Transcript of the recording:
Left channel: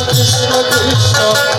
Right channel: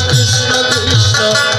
Krishna Krishna